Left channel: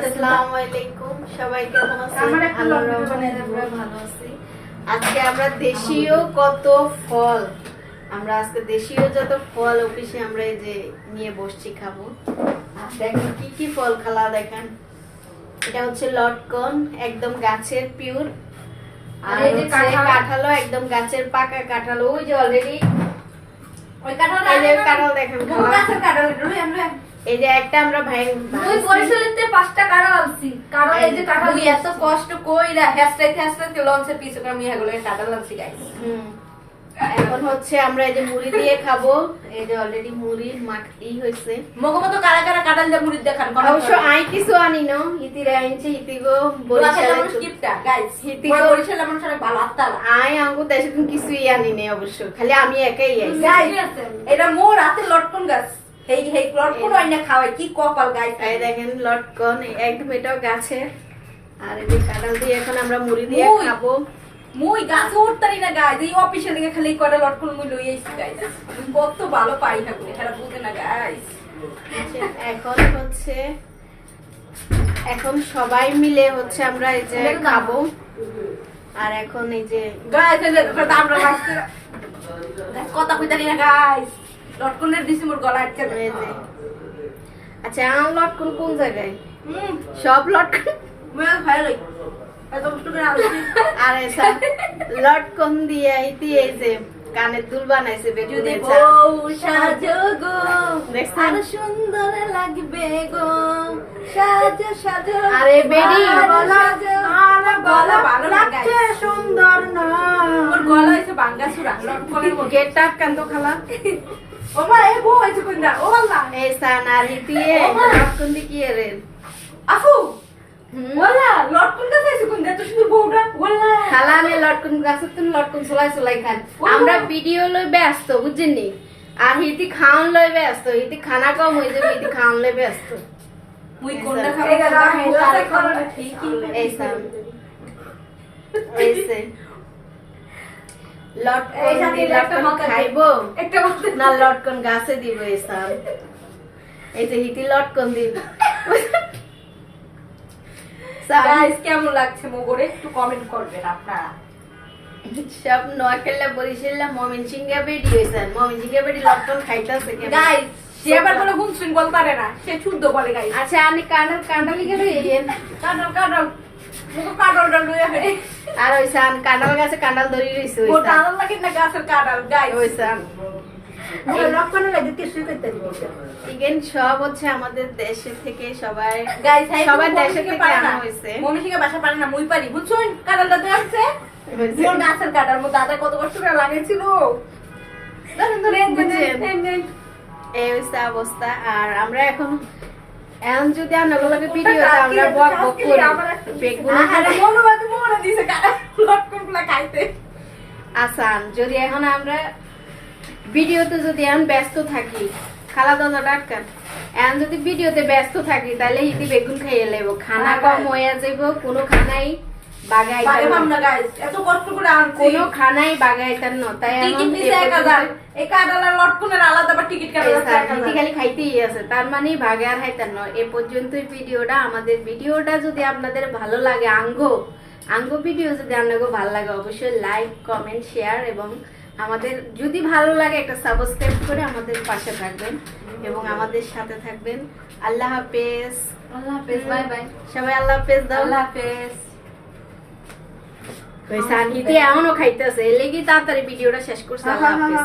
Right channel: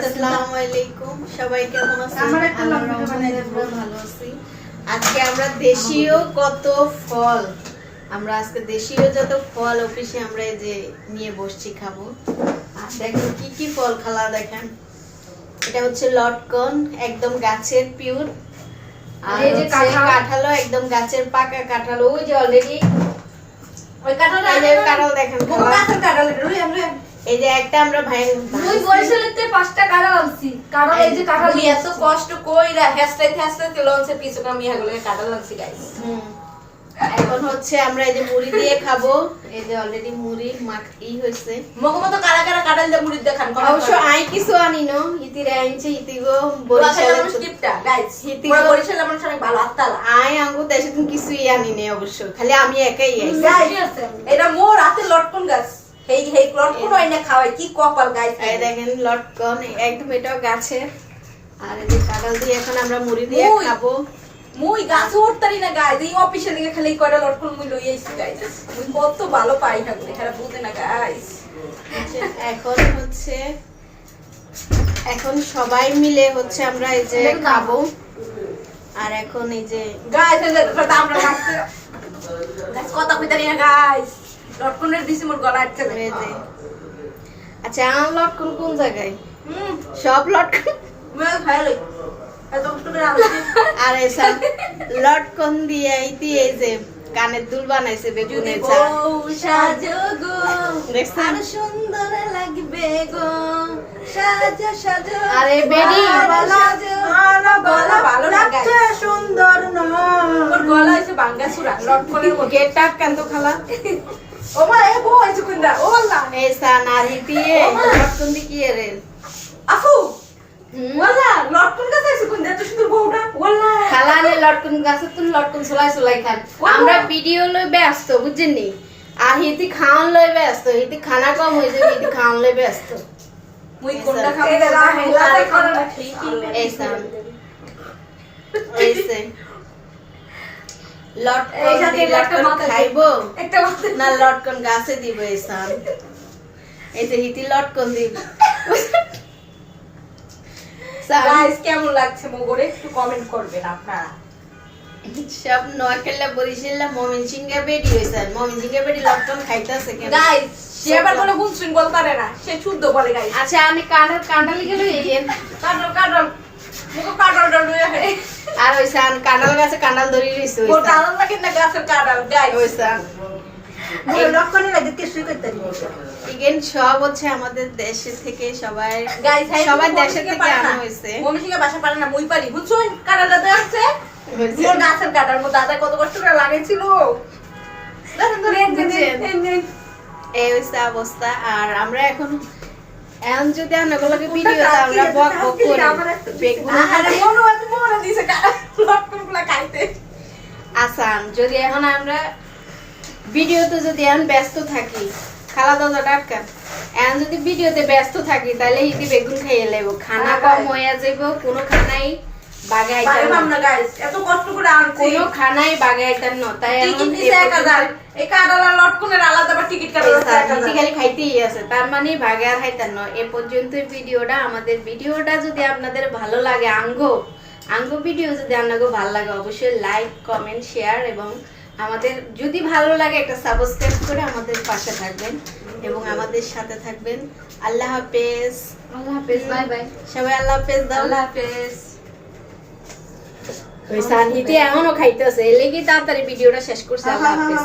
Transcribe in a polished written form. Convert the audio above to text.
আসসালামু আলাইকুম, সবাই কেমন আছেন? আল্লাহর রহমতে আমরা ভালো আছি। আজকে আমরা দেশীয় কত ফল, আমরা আজকে দেশীয় যত ফল অফিসে আমরা এই যে নিয়ে বসছি খাবো। আর দেখেন কি কি ফল খালা, দেখেন এটা হচ্ছে লটকন, একদম গাছের পিওর। আর এই যে কাঁঠালও একদম গাছের পাকা কাঁঠাল, ওই যে অলরেডি ওই কাঁঠাল, এই যে কাঁঠাল দেখেন খালা, গাছের কাঁঠাল। এই যে একটা আমরা ভাই মুই বরিশালেতে 5টা কাঁঠাল আনছি, কারণ এই যে কাঁঠাল এত কষ্ট কইরা হেসরাইতে লঞ্চের পিছে করে আমি এগুলো কাঁঠাল আনছি গাইস। এখন হচ্ছে আমরা এই যে মুড়ি দিয়ে খাবো। এই যে অলরেডি মুড়ি মাখি হইছে। মগমতো কারা কারা কাঁঠাল দিয়ে মুড়ি দিয়ে খান? অবশ্য আই কিছু আনি না, হিতিরে আইছে, হিতিগো বরিশালের স্কিপটা গাইস, হিতিগো বরিশালের মানুষ অনেক ভালো আত্মালা। আই আঙ্গু দেশে তুমি কিছুই আনি নাই, অবশ্য খালি আমি একাই আইছি। এটা মোর হাতে লটকন গাছ, হেই হেই লটকন আইনা খাওয়াই, কি কপাল গাইস। এই দেখেন লটকন একদম এটাও গাছের। আর এই যে কাঁঠাল দিয়ে এখন আমরা মুড়ি দিয়ে খাবো। মুই গাছে উঠতারি না গাইস, এই অফিসে লিগে খালি কয়টা লটকন মুই লই আইছি গাইস। মুই কত ভালো পাই না গো, এখানে বুঝে না গাইস। এখন হচ্ছে এখন সবাই মিলে হচ্ছে আমরা এই যে খাবো। আর এখন এই যে গাইস এটা আমরা লাগছে গাইস, কথা কইতারি না গাইস, লটকনের দিছি মোর গলা আটকে যে। আচ্ছা আমার লটকন কোন জায়গায়? সব লটকন মই খাই লই এত কষ্ট করে আনছি। আর এসব লটকন দিয়ে এই যে কানের দুল বানাইছে বেগুনের চা। সাজো গো দেখছেন আর সুন্দর লাগবে গো, সাজো সাজো। আরে বেডি গলা ভালো না গাইস, সুন্দর না, মোর গলা হইছে বাঙ্গাসুরা লটকনের মধ্যে। গেটটা কান্ত খালা। ও মা এ বউ হইছে কোনটা? ও আল্লাহ এই সানারি দিয়ে লটকন দি কি রে আফু, ওয়াল্লা লটকন গাছ হইছে কোনটা? এত সুন্দর বউটা ওয়াল্লা। খালা নে লটকন গাছে তুমি লটকন চলাই খান। আমরা ভিডিও লই ব্যস্ত বুঝছেননি, আর হিতি খাওয়ান লই ব্যস্ত। হিতি খানা কম হয়ে যাবে, হিতি খাওয়ান লই ব্যস্ত। মুই কোনটা খাবো? এটা রাহে করে না ঠিক। এই সান এইসে লটকন খাইবো একটা না লটকন গাছে দিব। এই সান এই যে হিতি লটকন দিব। গাইস কেমন লাগছে মোগরে একটু কমেন্ট করবেন আপনারা। সব নোয়াখালী বরিশাল ময়মনসিংহে বেডি হইছে, ময়মনসিংহে বেডি লটকন খাইতাছে কেন গাইস সে আবার কোনো ভুল শুন বলতে পারে না, সে শুদ্ধ বলে গাইস। আচ্ছা আমি কাঁঠালি গেল এই কাঁঠাল মুখো কাঁঠালটা লইয়া হে। আর ওই সান কাঁঠাল গাছে কাঁঠাল ধরি রইছে। ওর কাঁঠাল লাগে না গাছের কাঁঠাল গাইস। ওই সান এই লটকনে লাগে কিছুই কইতে দিই। ইগেন সব হচ্ছে আমাদের দেশে থেকে সবাই গাইস সবাই দেশে থেকে আনা হইছে। মমি থেকে বাসা পারে না, মুই পারি বুঝছুন। কাঁঠালটা তো আছে মোর গাছের কাঁঠাল, মোর দাদা কত কষ্ট করে লাগাইছিল। এই হইছে অবস্থা। আর আমরা এখন যদি আপনাগুলোকে ভিডিও আমরা বক বক করি বেগুন মনে দিছে লটকনগুলো খাইতে। আসান যদি এখন আমরা ভিডিওতে যদি এখন ব্যস্ত থাকি, খালা দাদা ডাক্তার এখন যদি ভিডিওতে ব্যস্ত থাকি তাহলে হিতি বেগুন খাইয়ে লেব, খানা কম হয়ে যাইব। কোনো খানাই বাগে আইতাম না গাইস, এত কষ্ট করে আনছি কোনো খানাই বাগে আইতাম না। তাই এখন এই কাঁঠাল আর লটকনের আলাদা আবার টিকিট কাটা হিতি খালি খাইতেই আছে, তার মানে বাগে আর খাইতাম না। এ পর্যন্ত ভিডিওটা, আমাদের ভিডিওটা যদি আপনাদের ভালো লাগে, আঙ্গো ভিডিও যদি আপনাকে ভালো লাগে অবশ্যই লাইক কমেন্ট শেয়ার, এবং আমাদের যদি ভালো লাগে একটা সাবস্ক্রাইব করে আমাদের পাশে থাকবেন এবং আমাদের সাথে থাকবেন। আল্লাহ হাফেজ। আল্লাহ হাফেজ, বাই বাই সবাই আল্লাহ হাফেজ দাও। আল্লাহ হাফেজ। ওই সানহিতে এখনো খাইতেছে, এর লাগি তাড়াতাড়ি ভিডিওটা শেষ করছে। আল্লাহ হাফেজ।